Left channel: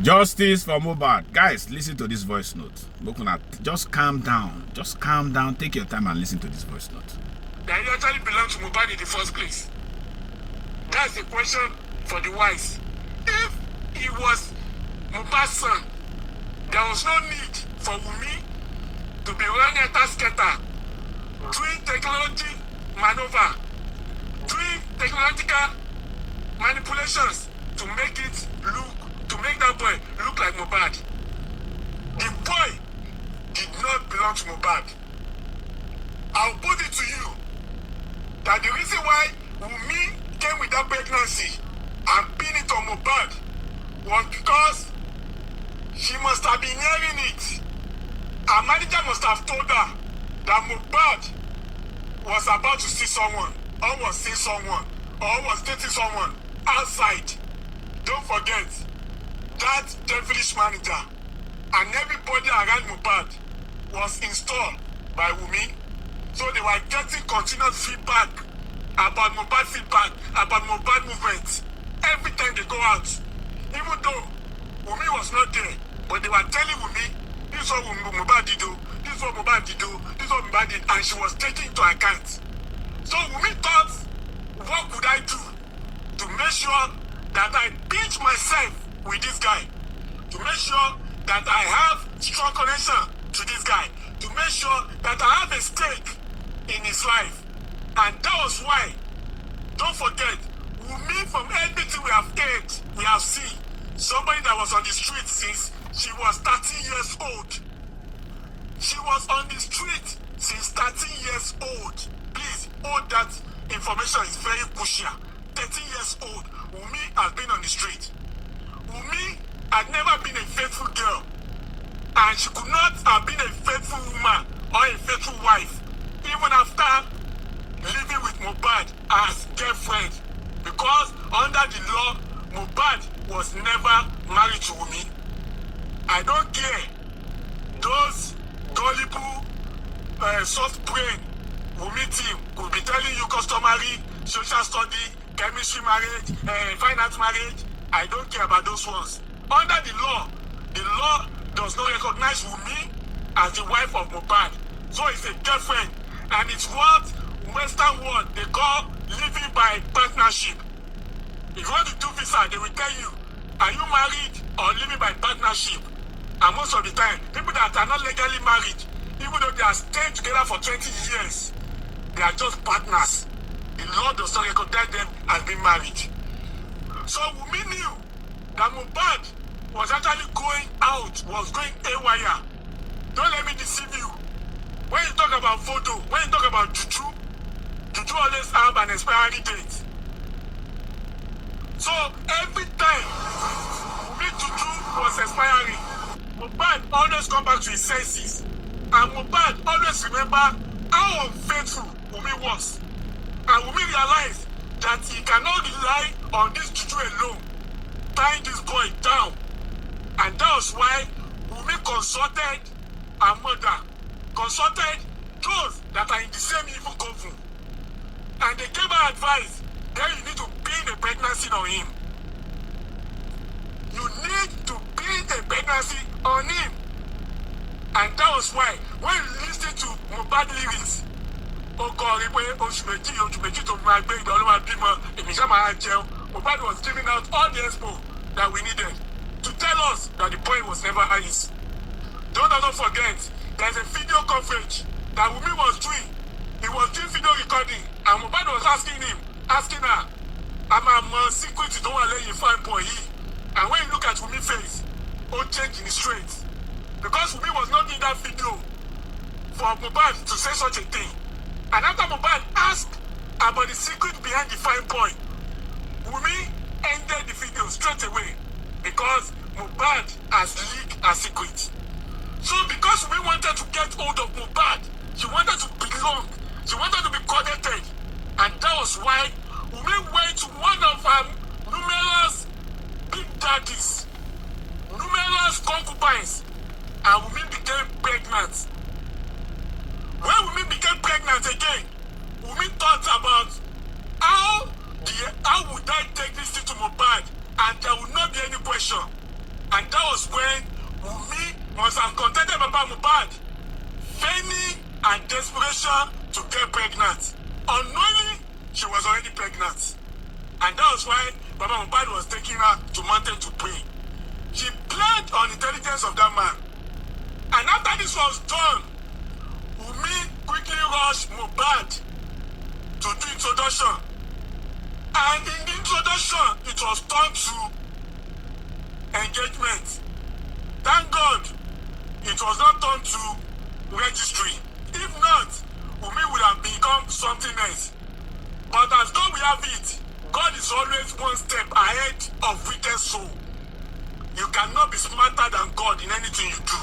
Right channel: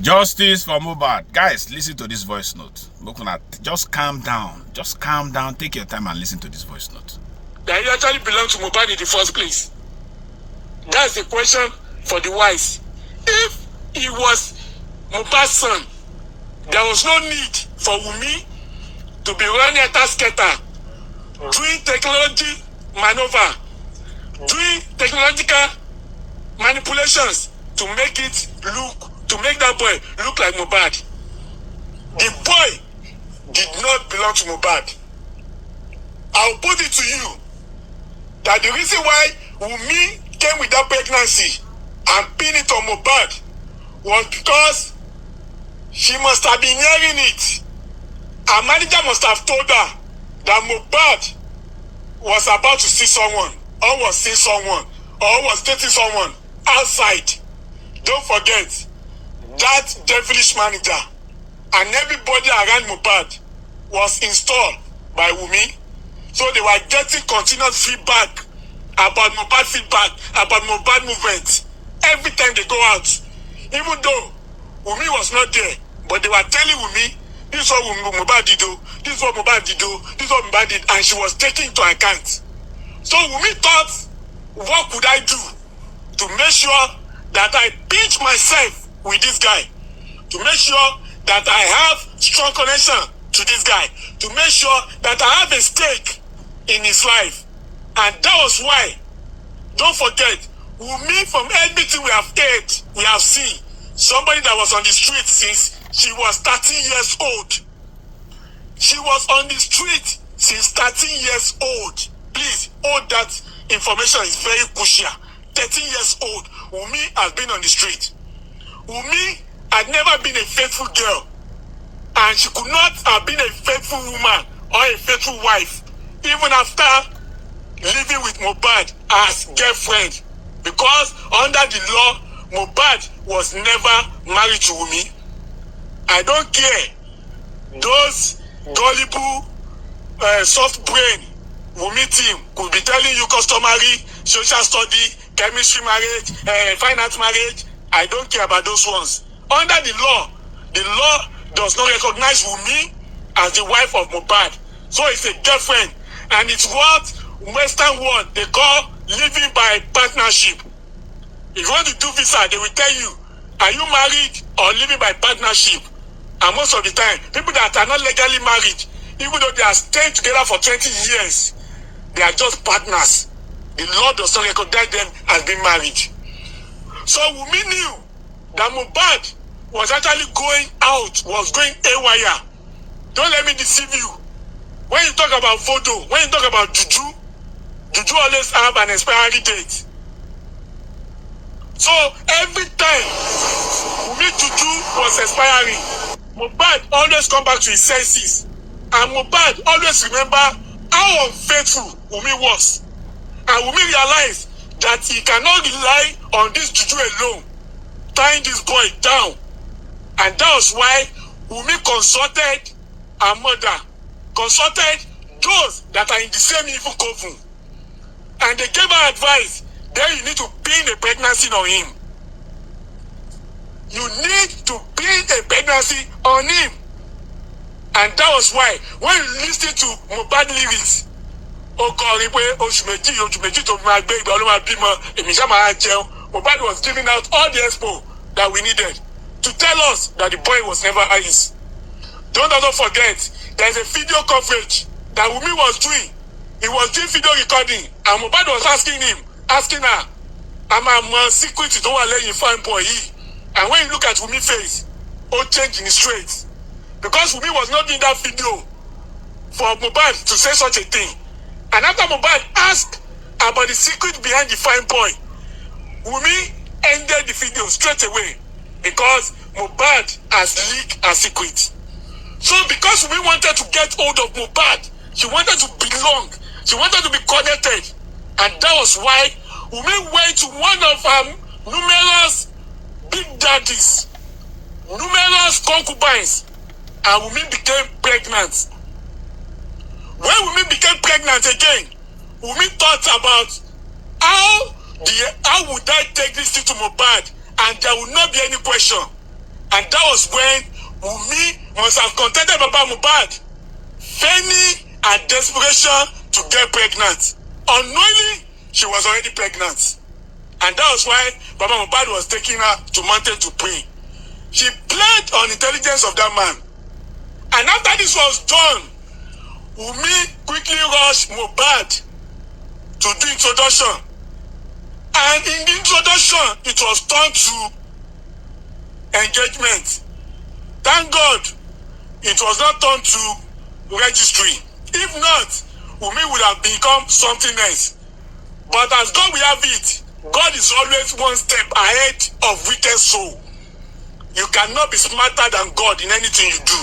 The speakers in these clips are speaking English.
Justice for Mohbad. Guys, listen to this voice note. Just calm down. Just calm down. Take your time and listen to this voice note. That he actually belonged to Mohbad in the first place. That's the question for the wise. If he was Mohbad's son, there was no need for Wunmi to be running a task-getter, doing technology maneuver, doing technological manipulations to make that boy look like Mohbad. The boy did not belong to Mohbad. I'll put it to you that the reason why Wunmi came with that pregnancy and pinned it on Mohbad was because she must have been hearing it. Her manager must have told her that Mohbad was about to see someone, or was seeing someone, or was dating someone outside. Don't forget, that devilish manager and everybody around Mohbad was installed by Wunmi. So they were getting continuous feedback about Mohbad movement every time they go out. Even though Wunmi was not there, but they were telling Wunmi, this is what Mohbad did do, this is what Mohbad did do, this is what Mohbad did, and she was taking into account. So Wunmi thought, what could I do to make sure that I pinch myself with this guy, to make sure that I have strong connection to this guy, to make sure that I have a stake in his life. And that was why, don't forget, Wunmi, from everything we have heard, we have seen, somebody that was on the street since she was 13 years old. She was on the street since 13 years old. Please, all that information is very crucial. 13 years old, Wunmi has been on the street. Wunmi had never been a faithful girl, and she could not have been a faithful woman or a faithful wife, even after living with Mohbad as girlfriend, because under the law, Mohbad was never married to Wunmi. I don't care. Those gullible, soft brain Wunmi team could be telling you customary, social study, chemistry marriage, finance marriage. I don't care about those ones. Under the law does not recognize Wunmi as the wife of Mohbad. So it's a girlfriend. And it's what Western world they call living by partnership. If you want to do visa, they will tell you, are you married or living by partnership? And most of the time, people that are not legally married, even though they are staying together for 20 years, they are just partners. The law does not recognize them as being married. So Wunmi knew that Mohbad was actually going out, was going haywire. Don't let me deceive you. When you talk about photo, when you talk about juju always have an expiry date. So every time Wunmi juju was expiring, Mohbad always come back to his senses. And Mohbad always remember how unfaithful Wunmi was. And Wunmi realized that he cannot rely on this juju alone, tying this boy down. And that was why Wunmi consulted her mother, consulted those that are in the same evil coven. And they gave her advice, then you need to pin a pregnancy on him. You need to pin a pregnancy on him. And that was why, when you listen to Mohbad lyrics, Mohbad was giving out all the expo that we needed to tell us that the boy was never his. Don't ever forget, there's a video coverage that Wunmi was doing. He was doing video recording, and Mohbad was asking her, I'm a secret to don't let you find boy. And when you look at Wunmi's face, all change in his traits. Because Wunmi was not doing that video for Mohbad to say such a thing. And after Mohbad asked about the secret behind the fine boy, Wunmi ended the video straight away because Mohbad has leaked her secret. So because Wunmi wanted to get hold of Mohbad, she wanted to belong, she wanted to be connected. And that was why Wunmi went to one of her numerous big daddies, numerous concubines, and Wunmi became pregnant. When Wunmi became pregnant again, Wunmi thought about how would I take this thing to Mohbad and there would not be any question. And that was when Wunmi must have contented Baba Mohbad, feigning and desperation to get pregnant. Unknowingly, she was already pregnant. And that was why Baba Mohbad was taking her to mountain to pray. She played on intelligence of that man. And after this was done, Wunmi quickly rushed Mohbad to do introduction. And in the introduction, it was turned to engagement. Thank God, it was not turned to registry. If not, Wunmi would have become something else. But as God will have it, God is always one step ahead of wicked soul. You cannot be smarter than God in anything you do.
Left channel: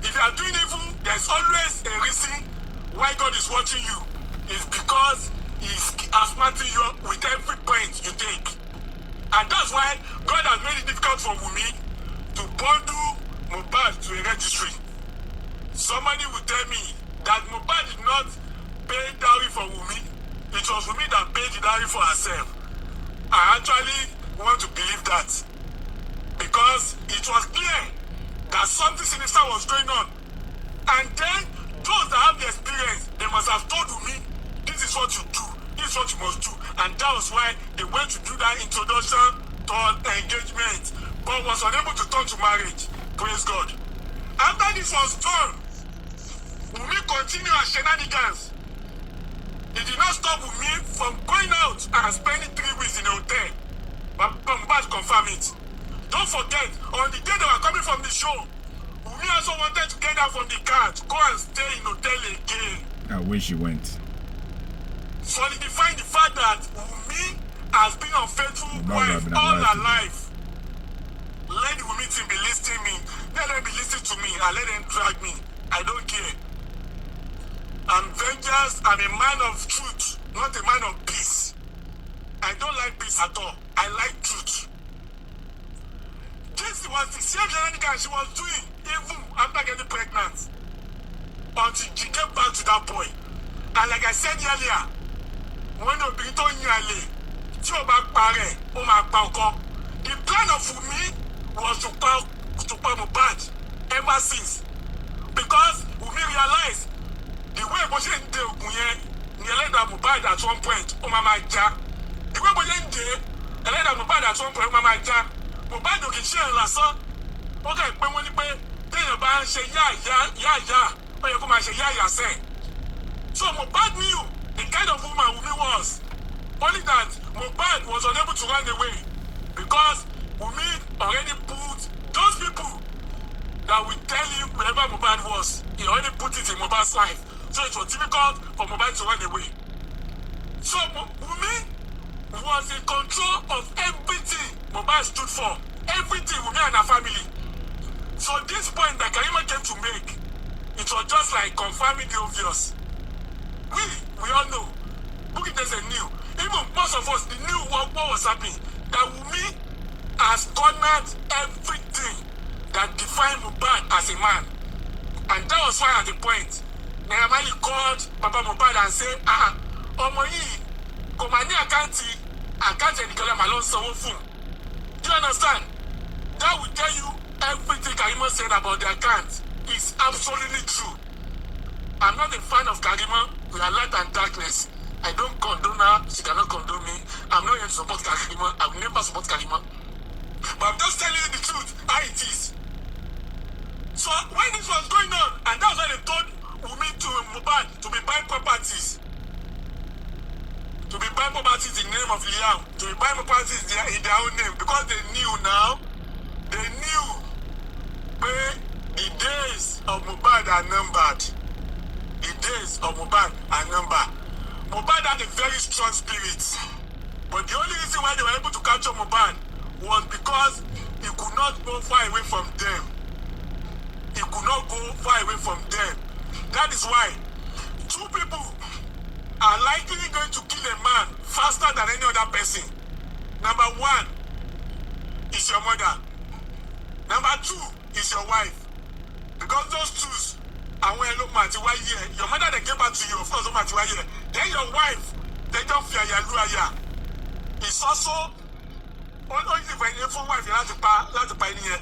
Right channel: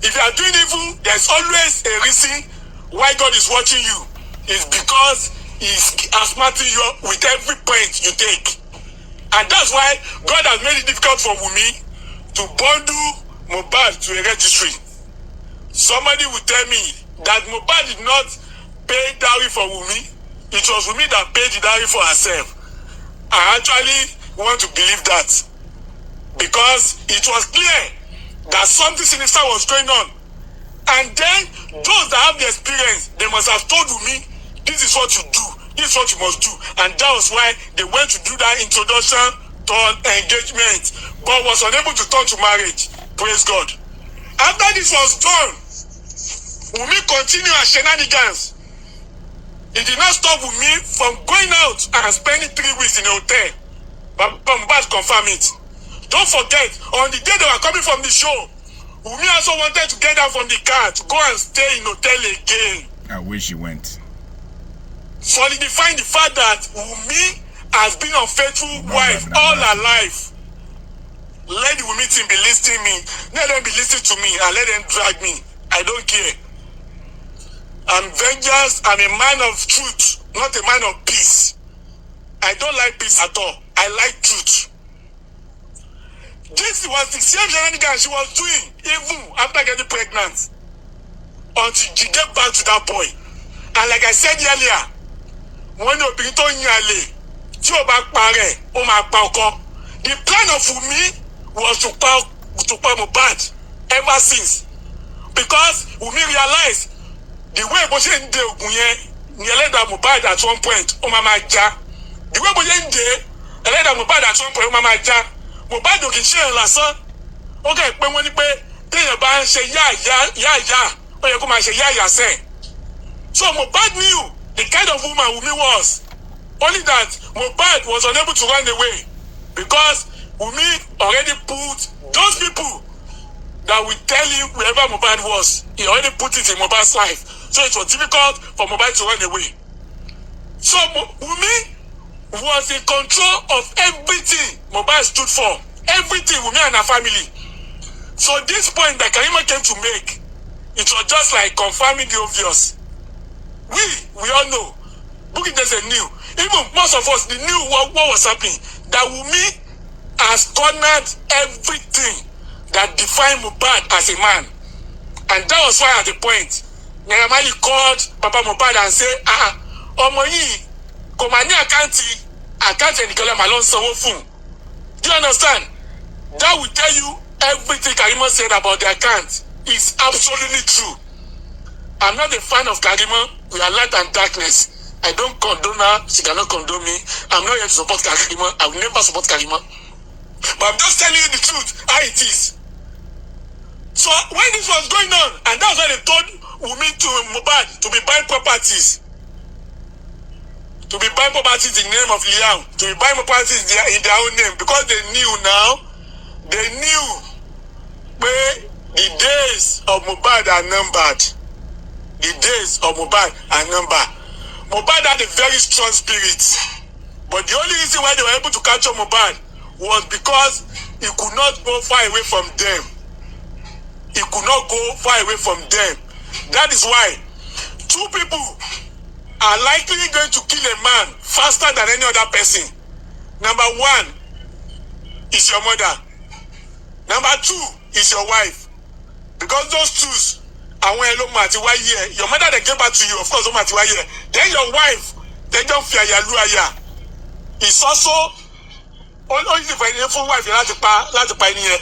If you are doing evil, there's always a reason why God is watching you. It's because He's smarting you with every point you take. And that's why God has made it difficult for Wunmi to bundle Mohbad to a registry. Somebody will tell me that Mohbad did not pay dowry for Wunmi. It was Wunmi that paid the dowry for herself. I actually want to believe that, because it was clear that something sinister was going on. And then those that have the experience, they must have told Wunmi, this is what you do, this is what you must do. And that was why they went to do that introduction to engagement, but was unable to turn to marriage. Praise God. After this was done, Wunmi continued her shenanigans. It did not stop Wunmi from going out and spending 3 weeks in a hotel. But Mohbad confirmed it. Don't forget, on the day they were coming from the show, Wunmi also wanted to get down from the car to go and stay in hotel again. I wish she went. Solidifying the fact that Wunmi has been an unfaithful wife all her life. Let the Wunmi team be listening me. Let them be listening to me and let them drag me. I don't care. I'm vengeance. I'm a man of truth, not a man of peace. I don't like peace at all. I like truth. This was the same shenanigans she was doing even after getting pregnant, until she get back to that boy. And like I said earlier, when obìnrin tó yin àlè tí ó bá parẹ́ ó máa pa ọkọ. The plan of Wunmi was to pa Mohbad ever since, because Wunmi realized the way bó ṣe ń de ògùn yẹn ni ẹlẹ́dàá Mohbad at one point ó máa já. The way bó ṣe ń de ẹlẹ́dàá Mohbad at one point ó máa já. Mohbad ò kì í ṣe ẹ̀ lásán. Ó kẹ́ pé wọ́n ní pé téèyàn bá ń ṣe yáàyá ó yẹ kó máa ṣe yáàyà sẹ́ẹ̀. So Mohbad knew the kind of woman Wunmi was. Only that Mohbad was unable to run away, because Wunmi already put those people that will tell him wherever Mohbad was, he already put it in Mohbad's life. So it was difficult for Mohbad to run away. So Wunmi was in control of everything Mohbad stood for. Everything, Wunmi and her family. So this point that Karima came to make, it was just like confirming the obvious. We all know. Bukky Jesse knew. Even most of us knew what was happening. That Wunmi has cornered everything that defined Mohbad as a man. And that was why at the point, Naira Marley called Papa Mohbad and said, ọmọ yìí kò máa ní àkáǹtì ẹnìkan máa lọ sanwó fún. Do you understand? That will tell you everything Karima said about the account is absolutely true. I'm not a fan of Karima. We are light and darkness. I don't condone her. She cannot condone me. I'm not here to support Karima. I will never support Karima. But I'm just telling you the truth, how it is. So when this was going on, and that's why they told Wunmi to Mohbad to be buying properties. To be buying properties in the name of Liam. To be buying properties in their own name. Because they knew now, they knew where the days of Mohbad are numbered. The days of Mohbad are numbered. Mohbad had a very strong spirit. But the only reason why they were able to capture Mohbad was because he could not go far away from them. He could not go far away from them. That is why 2 people are likely going to kill a man faster than any other person. Number 1 is your mother. Number 2 is your wife. Because those 2s, your mother they gave back to you, of course, then your wife, they don't fear it's also ó sì fẹ́ fún wáìfì láti pa ẹni yẹn.